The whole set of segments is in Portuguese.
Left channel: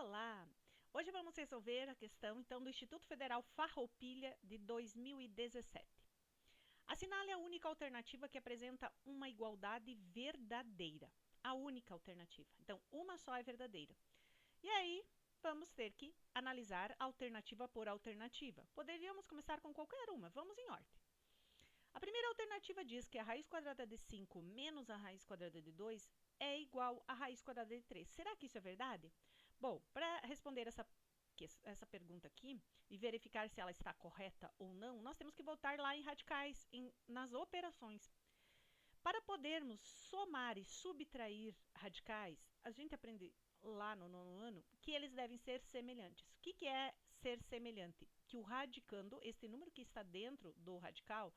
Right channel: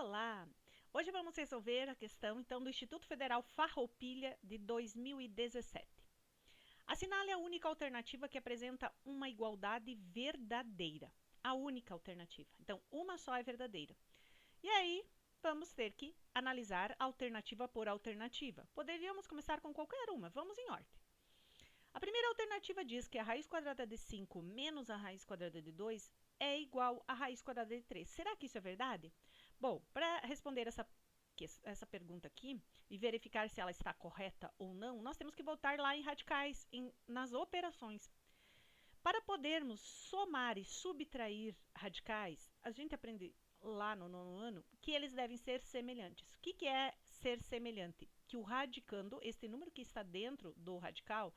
Olá! Hoje vamos resolver a questão então do Instituto Federal Farroupilha de 2017. Assinale a única alternativa que apresenta uma igualdade verdadeira. A única alternativa. Então, uma só é verdadeira. E aí, vamos ter que analisar alternativa por alternativa. Poderíamos começar com qualquer uma. Vamos em ordem. A primeira alternativa diz que a raiz quadrada de 5 menos a raiz quadrada de 2 é igual à raiz quadrada de 3. Será que isso é verdade? Bom, para responder essa pergunta aqui e verificar se ela está correta ou não, nós temos que voltar lá em radicais, nas operações. Para podermos somar e subtrair radicais, a gente aprende lá no nono ano que eles devem ser semelhantes. O que é ser semelhante? Que o radicando, este número que está dentro do radical,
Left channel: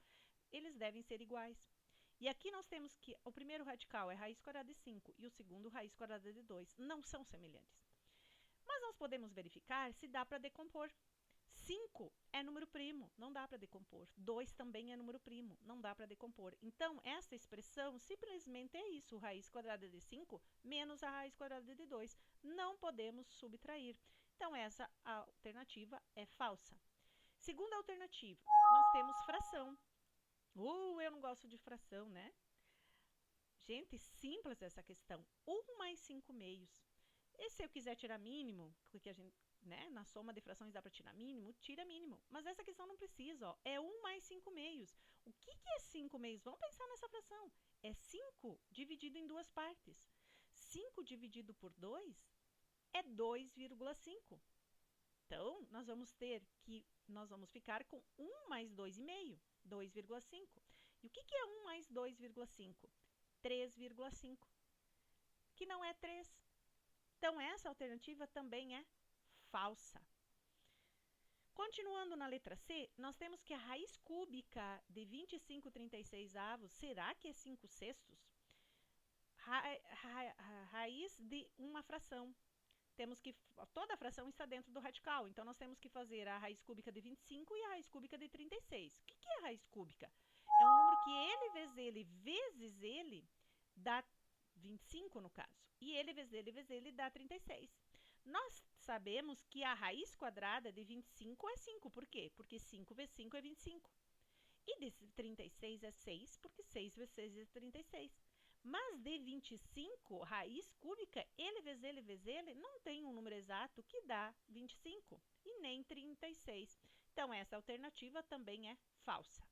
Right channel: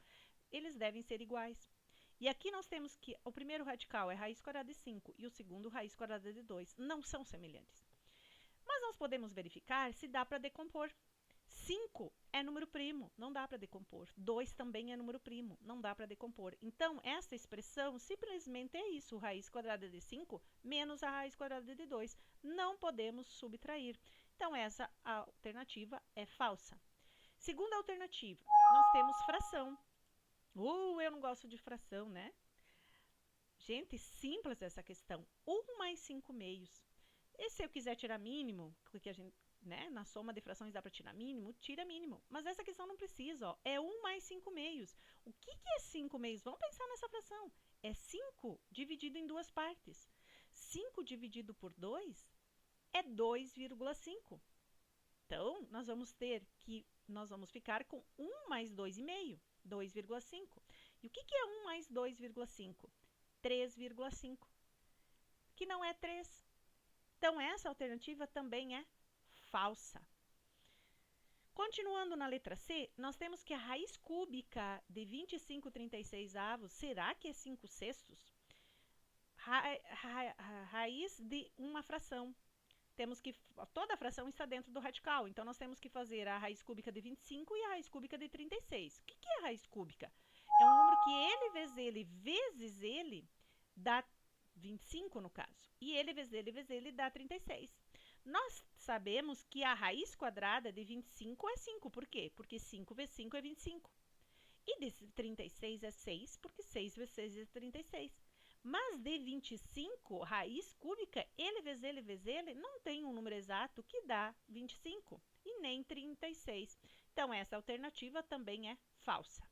eles devem ser iguais. E aqui nós temos que o primeiro radical é raiz quadrada de 5 e o segundo raiz quadrada de 2. Não são semelhantes. Mas nós podemos verificar se dá para decompor. 5 é número primo, não dá para decompor. 2 também é número primo, não dá para decompor. Então, essa expressão simplesmente é isso, raiz quadrada de 5 menos a raiz quadrada de 2. Não podemos subtrair. Então, essa alternativa é falsa. Segunda alternativa, nós temos fração. Eu não gosto de fração, né? Gente, simples essa questão. 1 mais 5 meios. E se eu quiser tirar mínimo, porque a gente, né, na soma de frações dá para tirar mínimo, tira mínimo. Mas essa questão não precisa, ó. É 1 mais 5 meios. O que é 5 meios? Vamos pensar nessa fração. É 5 dividido em duas partes. 5 dividido por 2 é 2,5. Então, nós vamos ficar com 1 mais 2,5. 2,5. E o que é 1 mais 2,5? 3,5. Que não é 3. Então, essa alternativa também é falsa. Continuando na letra C, nós temos que a raiz cúbica de 25/36 avos, será que é 5 sextos? Raiz de uma fração. Temos que toda a fração está dentro do radical, então nós temos que fazer a raiz cúbica de 25 e a raiz cúbica de 36. O que é a raiz cúbica? É um número que ele vezes ele dá 25 no caso, e ele vezes ele dá 36. Nós sabemos que a raiz quadrada de 25 é 5, por quê? Porque 5 vezes 5 é 25. E de 36 é 6, porque 6 vezes 6 é 36. Mas de 25, raiz cúbica, ele vezes ele, não tem um número exato que dá 25 e nem 36. Então, essa alternativa também é falsa.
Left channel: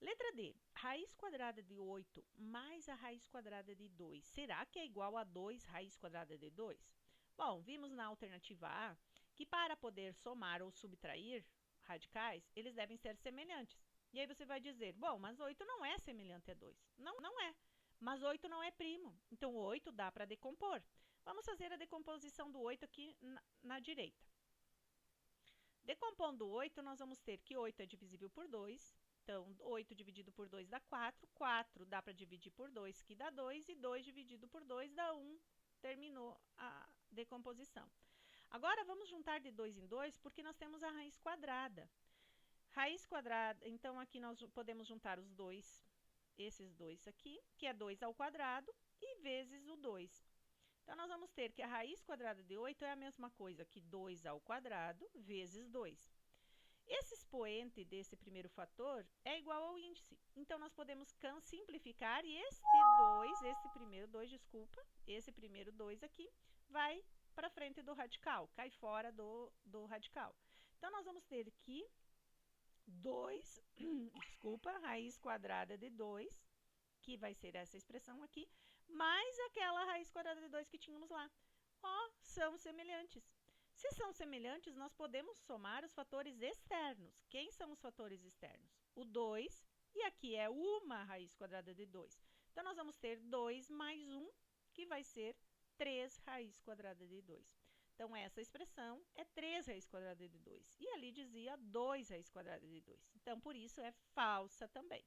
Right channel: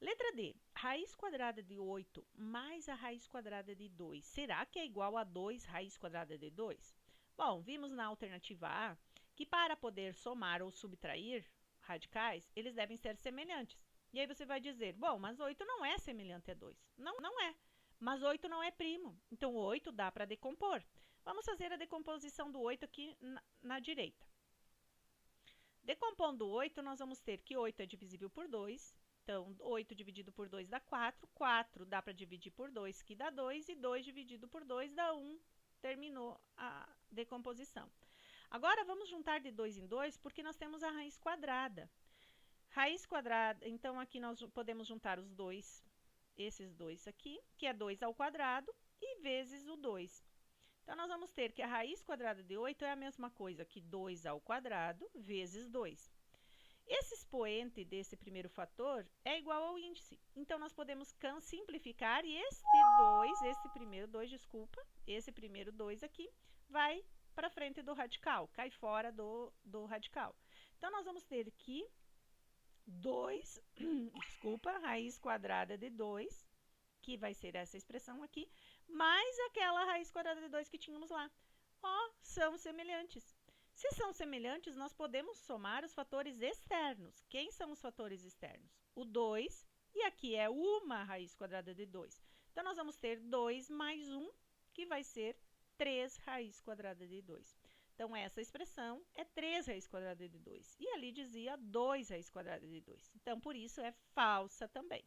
Letra D, raiz quadrada de 8 mais a raiz quadrada de 2. Será que é igual a 2 raiz quadrada de 2? Bom, vimos na alternativa A que para poder somar ou subtrair radicais, eles devem ser semelhantes. E aí você vai dizer, bom, mas 8 não é semelhante a 2. Não é. Mas 8 não é primo, então 8 dá para decompor. Vamos fazer a decomposição do 8 aqui na direita. Decompondo 8, nós vamos ter que 8 é divisível por 2, então 8 dividido por 2 dá 4, 4 dá para dividir por 2, que dá 2, e 2 dividido por 2 dá 1, terminou a decomposição. Agora, vamos juntar de 2 em 2, porque nós temos a raiz quadrada. Raiz quadrada, então aqui nós podemos juntar os dois, esses dois aqui, que é 2 ao quadrado, e vezes o 2. Então, nós vamos ter que a raiz quadrada de 8 é a mesma coisa que 2 ao quadrado vezes 2. Esse expoente desse primeiro fator é igual ao índice. Então, nós podemos simplificar e esse primeiro 2 aqui, vai para frente do radical, cai fora do radical. Então, nós vamos ter que 2, raiz quadrada de 2, que vai ser essa expressão aqui, mais aquela raiz quadrada de 2 que tínhamos lá. São semelhantes. Se são semelhantes, nós podemos somar os fatores externos. Quem são os fatores externos? O 2, e aqui é uma raiz quadrada de 2. Então, nós vamos ter 2 mais 1, que vai ser 3 raiz quadrada de 2. Então, essa expressão é 3 raiz quadrada de 2. E ali dizia 2 raiz quadrada de 2. Então, por isso, é falsa também.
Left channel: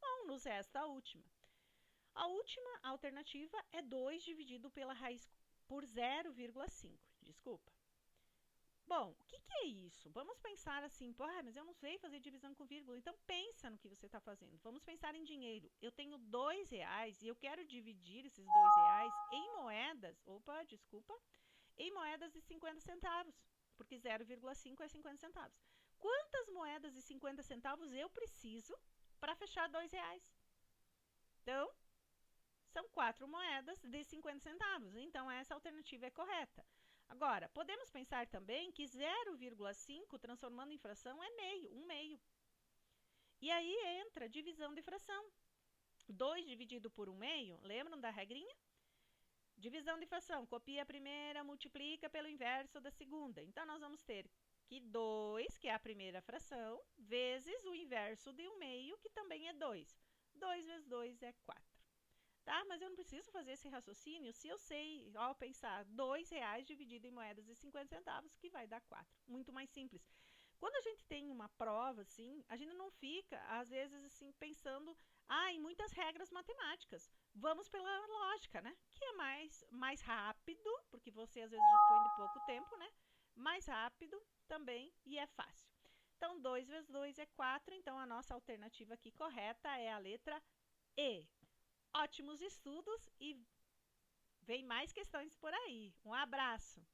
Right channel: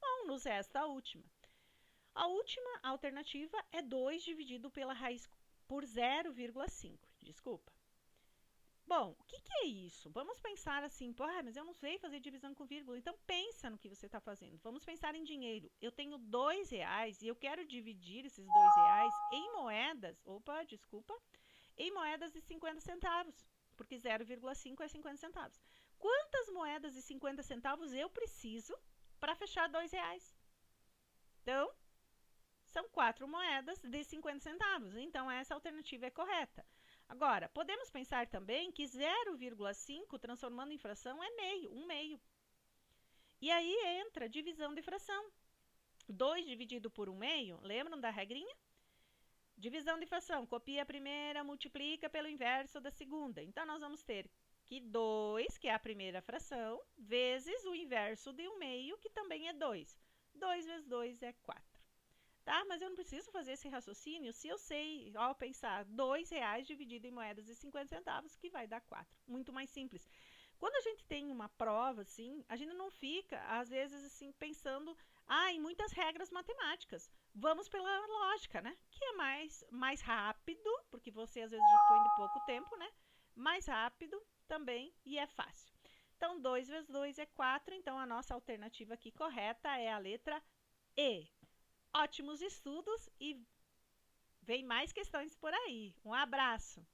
Bom, nos resta a última. A última alternativa é 2 dividido pela raiz por 0,5. Desculpa. Bom, o que é isso? Vamos pensar assim, mas eu não sei fazer divisão com vírgula. Então, pensa no que você está fazendo. Vamos pensar em dinheiro. Eu tenho R$2 e eu quero dividir esses R$2 em moedas. em moedas de 50 centavos, porque 0,5 é 50 centavos. Quantas moedas de 50 centavos eu preciso para fechar R$2? Então, são 4 moedas de 50 centavos. Então, essa alternativa é correta. Agora, podemos pensar também que 0,5 transformando em fração é meio, 1/2. E aí entra divisão de fração. 2 dividido por 1/2, lembram da regrinha? Divisão de fração, copia a primeira, multiplica pelo inverso da segunda. Então, nós vamos ter que 2, que é a primeira fração, vezes o inverso de 1/2, que também é 2. 2 vezes 2 é 4. Tá? Mas eu não preciso fazer esse raciocínio se eu sei, ao pensar, R$2 dividido em moedas de 50 centavos, que vai dar 4. Muito mais simples. Quando a gente tem uma prova, assim, a gente não fica, às vezes, assim, pensando em muitas regras matemáticas. Vamos pela lógica, né? Que é mais rápido, porque você, às vezes, dispõe de pouco tempo, né? Mais rápido também e é fácil. Então, 2 vezes 2 é 4. Então, a nossa alternativa aqui correta é a letra E. Ótimos estudos e vem mais questões por aí. Um abraço!